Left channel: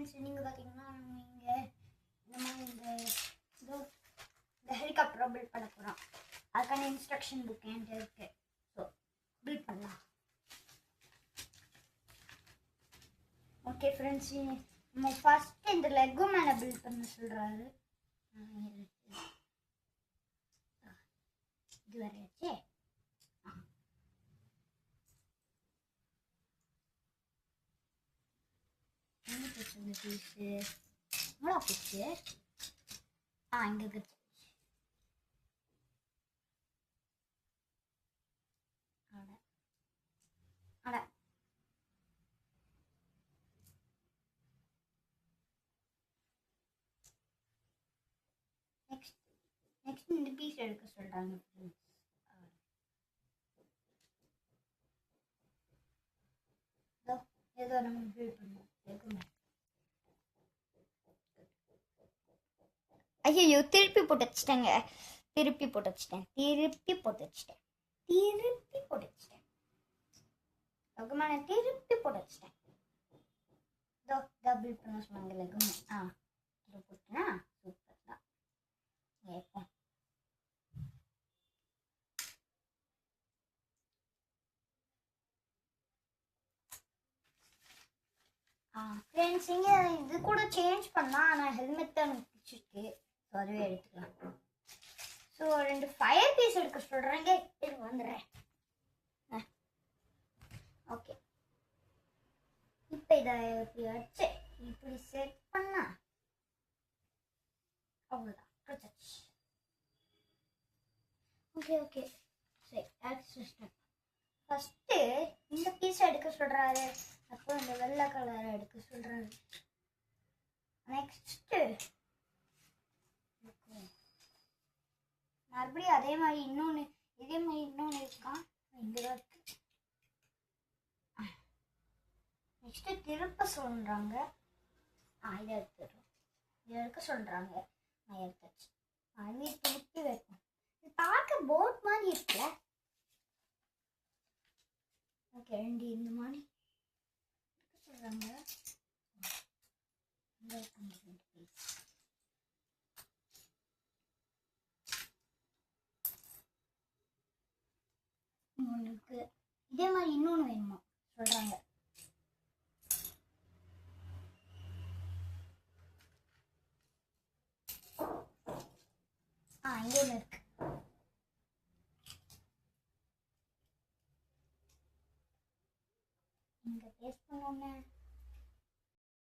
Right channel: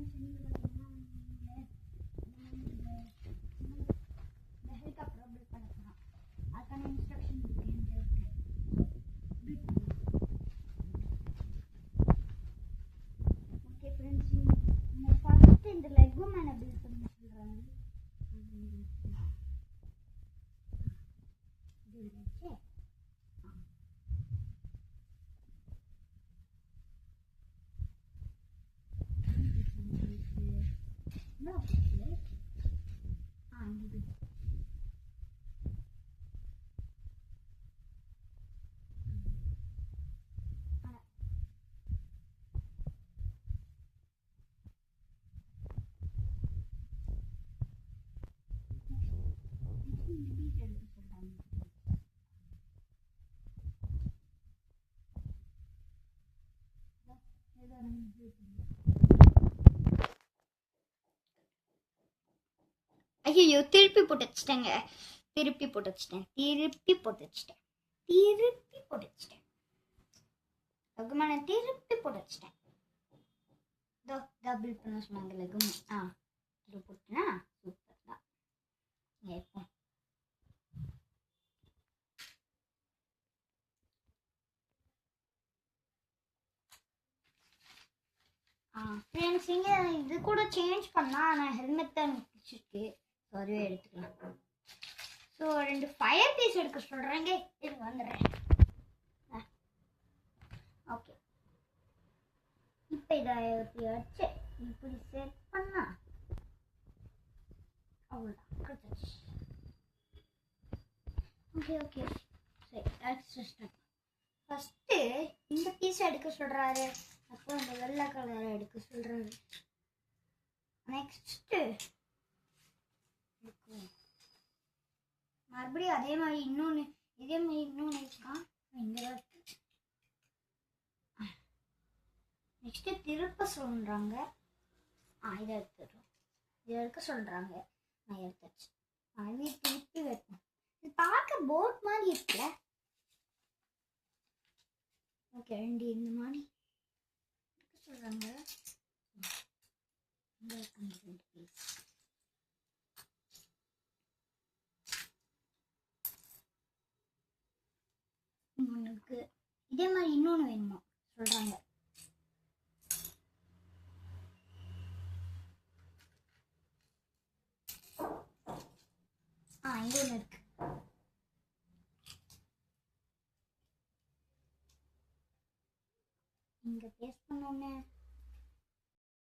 Friends, நீங்கள் பார்த்தீங்கன்னா இங்கே இந்த மாதிரி இந்த ஹெலிகாப்டரை பில்ட் பண்ண போகிறோம். அதுக்கான இன்ஸ்ட்ரக்ஷன் புக் என்கிட்ட இருக்கு. பில்ட் பண்ணலாம். ஓகே ஃப்ரெண்ட்ஸ், நம்ம ஃபஸ்ட்டு இந்த லெக்கோ மேலே பில்ட் பண்ண சொல்கிறாரு. இது வரையாச்சே. போச்சு. இங்க இருக்கு. நெக்ஸ்ட் இந்த பீஸ் எடுக்க சொல்றாங்க. ஏதோ நம்ம பில்ட் பண்ணோம். ஐயோ, திருப்பி போட்டு வச்சிட்டேங்க. திருப்பி போட்டு வச்சிட்டேன். லெகுமான திருப்பி போட்டு வச்சிட்டேன். டபுள் பண்ண சொன்னாங்க. லெகுமா இது போட்டுனா சூப்பர் தான். இப்போ ஃப்ரெண்ட்ஸ், இங்கே இது கூட சேஞ்ச் பண்ணலாம். ஆனால் ஹெல்மெட் தான் பிடிச்சிருக்கு. ஸோ அதுவே எடுத்துக்கலாம். ஸோ 2 ஃபயர் பீஸ் எடுக்க சொல்கிறேங்க. இது வந்துடுறேன். ஓகே, இப்போ இதை எப்படி வச்சு இப்படி செட் பண்ணா அவ்வளோதான், கிடைச்சாச்சு. ஓகே சரி, ஃபஸ்ட்டு இந்த பீஸை எடுக்க சொல்கிறாரு. அப்போ இந்த வெள்ளை கலரை எடுக்க சொல்கிறாரு. நெக்ஸ்ட்டு மறுபடியும் இதே மாதிரி இன்னொன்று இருக்கான். இங்கே தான் இருக்கு. நெக்ஸ்ட்டு திருப்ப சொல்கிறாங்க. இதை எடுக்க சொல்கிறாங்க. நான் எடுத்தாச்சு. அது திருப்பி வைப்போம். இது பார்க்க போட் மாதிரி இருக்குல்ல. ஓகே, 2 இந்த மாதிரி சொல்கிறாங்க. ஒன்றுக்கு இதே மாதிரி இன்னொன்று வேணுமா சொல்கிறாங்க. இது ஒன்று இருக்கு. இங்கே பேஸ்ட் பண்ணோன்னே